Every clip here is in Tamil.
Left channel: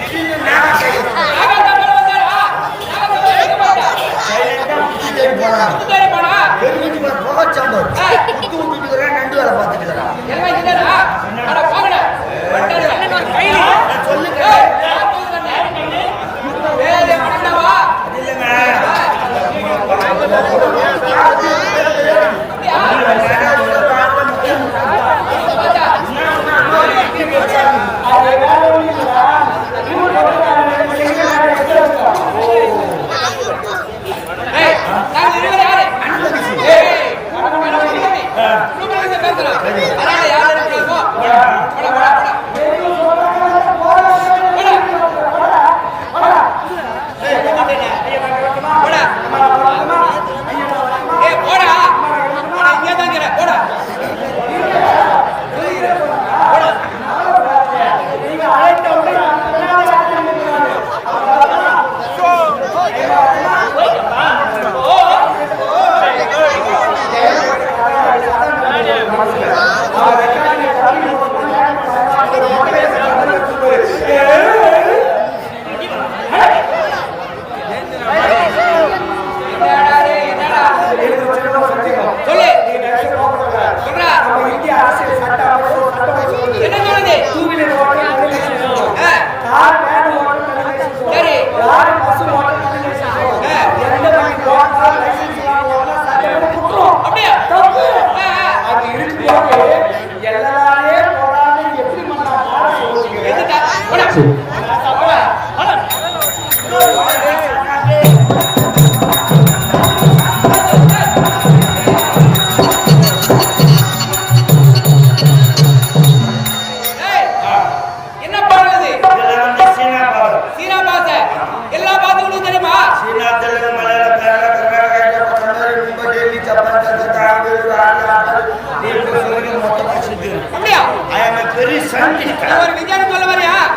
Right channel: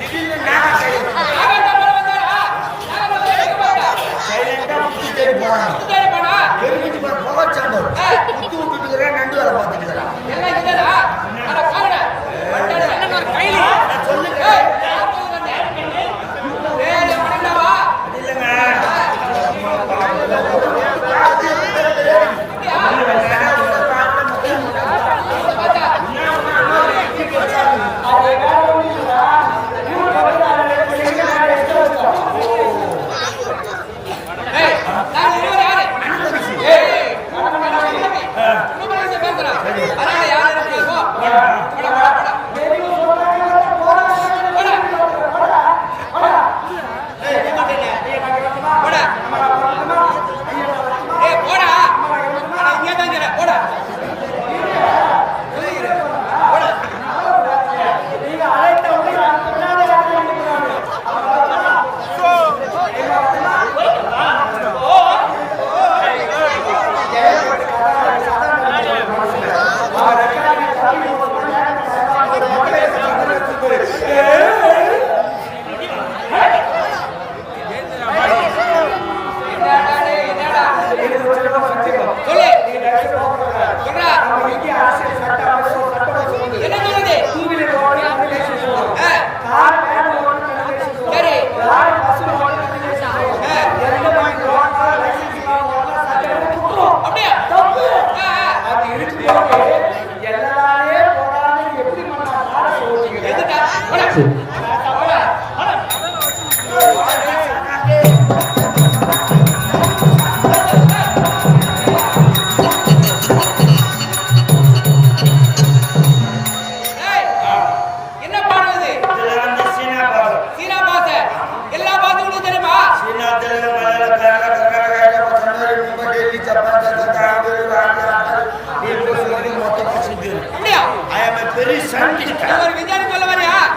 திடீர்னு நாகா சைலண்டா முத்து தேடி போனா பெருமிச்சு புகை சாம்பார் முத்து விட்டுட்டு நண்டு வேலை பார்த்துட்டு சொல்லுங்க அது இல்லைங்க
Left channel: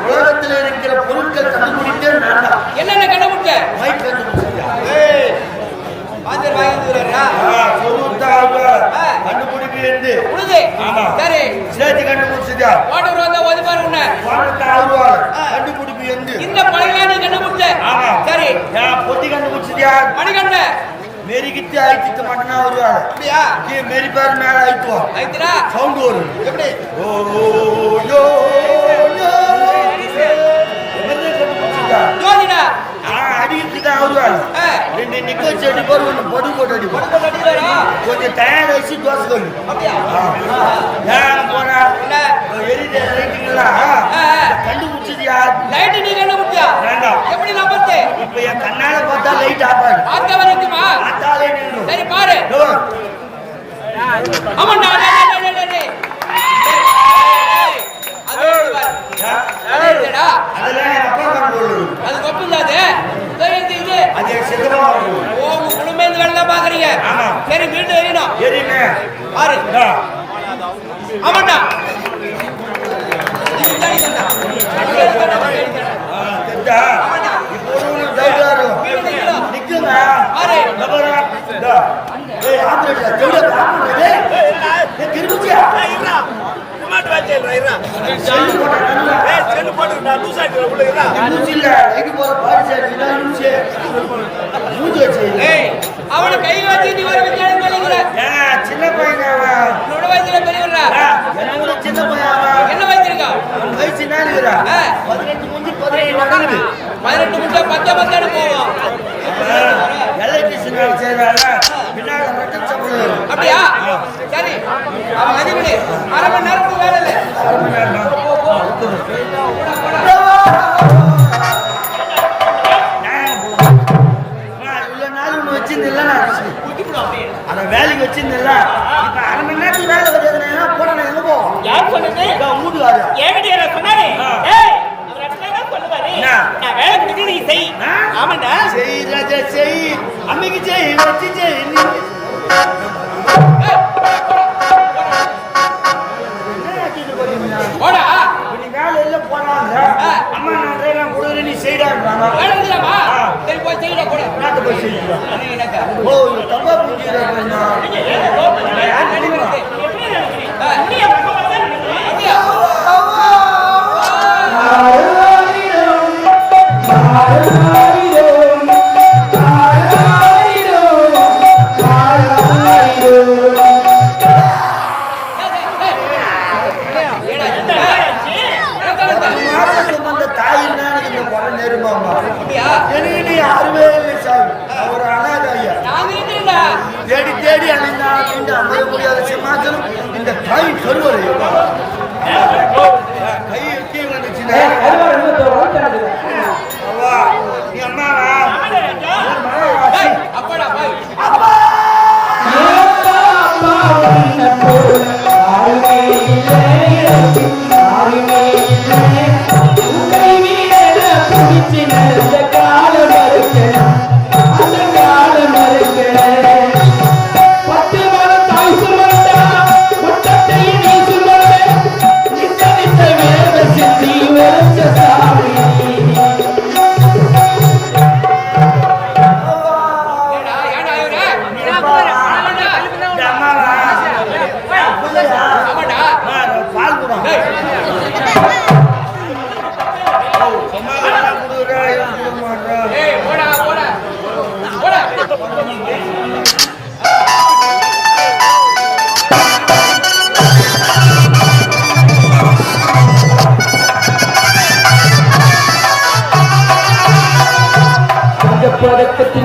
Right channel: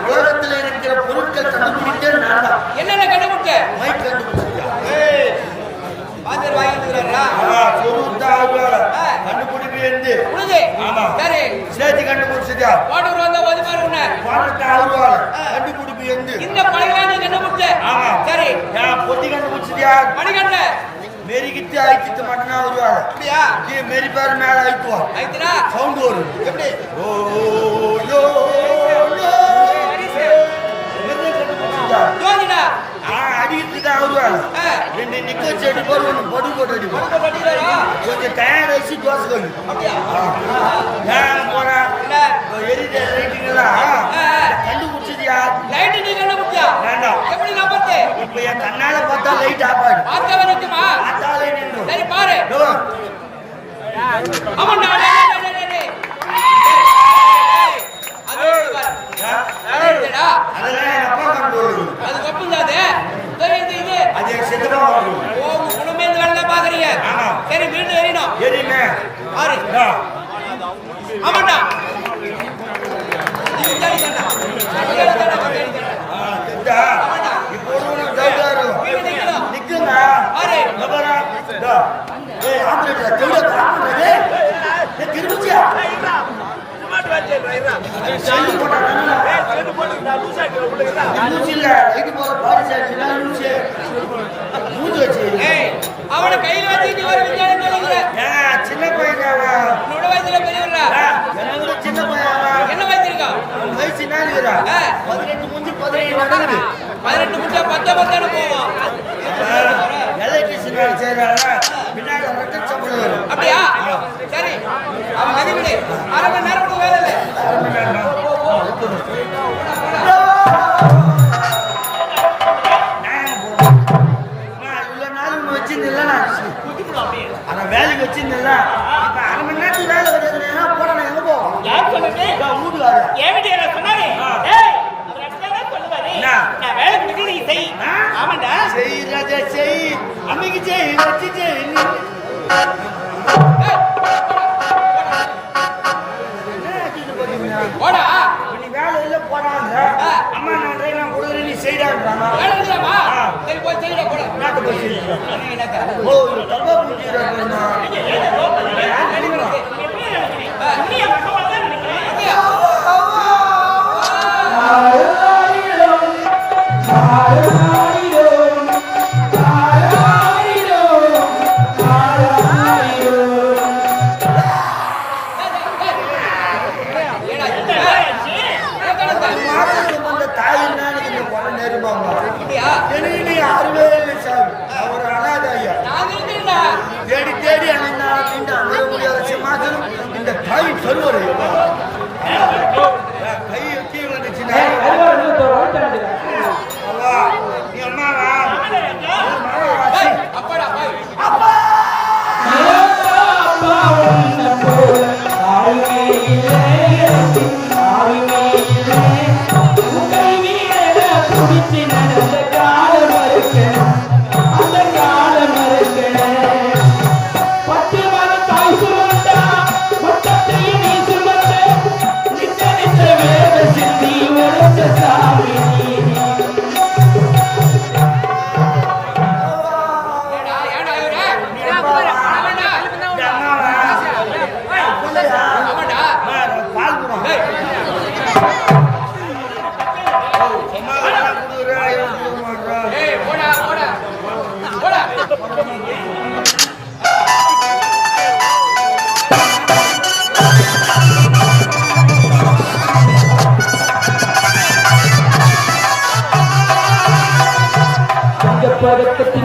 உலகத்தில் இருக்கிற பொருட்கள் கண்டுபிடிக்க என்னென்ன கண்டுபிடிக்க மணிகண்ட மெரிக்கிட்டு ஆயிட்டு மட்டும்தான் வருவாங்க. அப்படியா? மெரி பேர் மேல ஆயிட்டுவான். ஆயிட்டுனா சவுண்ட் வரும். எப்படி? ஓ யோ யோ ஜோதிடா அடிக்கிட்டு வருவாங்க. ரெண்டு நிக்க செடி போட்டு ஒன்று பொடி போட்டு அடி போட்டு அடிக்கிறாரா? கொஞ்சம் டயர் வச்சு தோசை கல்லு. அப்படியா? ஏன் போறா? என்ன எரிஞ்ச லைட்டுங்களா கண்டுபிடிச்சதியா? லைட் நீ கண்டுபிடிச்சியா? வேண்டாம். எப்படி நம்பத்து? இப்ப என் கண்ணால பார்த்தா லைட் ஆஃப் ஆகும். பார்த்தா வரைக்குமா? பார்த்தாலே நின்னும். சரி பாரு. ஆமாண்டா டேய் அது பாரு. அதேடா. அதெல்லாம் என் அப்பா கண்ட்ரோல். அது கொப்புதாது. தெரியுது இது. அது செதமா வரும். ஓ குடும்பமே இந்த வேலை பாக்குறீங்க. ஆமா. சரி வீட்டு ஏறினோம். ஏறினே. பாரு. ஆமாண்டா. இது ஜாடி தானா? தெடா. ஆமாண்டா. இப்போ ஒரு டவுட்டாரு. நிக்குங்க. பாரு. நபரா. டா. ஏய் ஆபரேட்டா தெடா ஆபரேட்டா. ஏய் திரும்பியா? மாட் வாச்சே ரைரா. செல்லு போடா கண்ணா. ஏய் செல்லு போடு நான் லூஸ் ஆயிட்டு போடுறேன். நான் இல்ல லைட் போற பாரி சைடு நான் லூஸ். மூஞ்ச வச்சு. ஏய் அவன கையில வச்சு நீ ஒரு விஞ்ஞானம் சொல்லுற. ஏங்க சின்ன பையன் அவன். உன்னோட வயசுல பெரியவரா? எனக்கு சின்ன பையன் அவன். என்ன வயசு இருக்கா? வயசு நானிரா. 18 முடிஞ்சு 17 நடக்குது. 18 முடிஞ்சா 10 போவோம். எலக்ட்ரிஷியன் வேலை செய்றாரா? பின்னால மட்டும் சம்பளம். அப்படியா? சரி. அவன் அதிபதி அரை மணி நேரம் வேலை இல்ல. அரை மணி நேரம். போ. போடா. வேலைக்கு வச்சிருந்தல இப்ப அரை மணி நேரத்துக்கு வேலை வச்சதுன்னா போட நான் எங்க போவோம்? யார் சொல்லுங்க? வீட்டுக்காரா ஏகடியா சொன்னாரே. ஏய் அவர் அட்டங்க சொல்லுவாரே. நான் வேலை கொடுத்து நீ செய். ஆமாடா. செய் ராஜா செய். அம்மிக்கு செய் வச்சி செய். போடா நீ வேலை இல்ல போறாங்க. அம்மா நான் ட்ரைலாம் கொடுக்குறேன் நீ செய்டான்றாங்க. வேலை இல்லமா? சரி போய் செய்டா போடா. நாட்டு போய் செய்டா. ஓ இது தப்பா புரிஞ்சிராமா? நான் யார் தெரியுமா? எப்படி நினைக்கிறீங்க? அப்படியே பக்கமா தான் நினைக்கிறேன். அப்படியே மாசம் சுமந்த தாயின்னா எனக்கு இந்த குறை நெருமாங்க எனக்கு நீ யாருமே இல்லை சாமி நான் ஒரு அனாதை ஐயா தேடி தேடி அணிந்தா நீண்டு அமர முடியாத சிம்மாசனம் இந்த தாய் கருவறை கை கீ வந்துச்சுன்னா நீ அம்மாவா மாமாவா அப்பா பால் கூட பதக்கத்தில்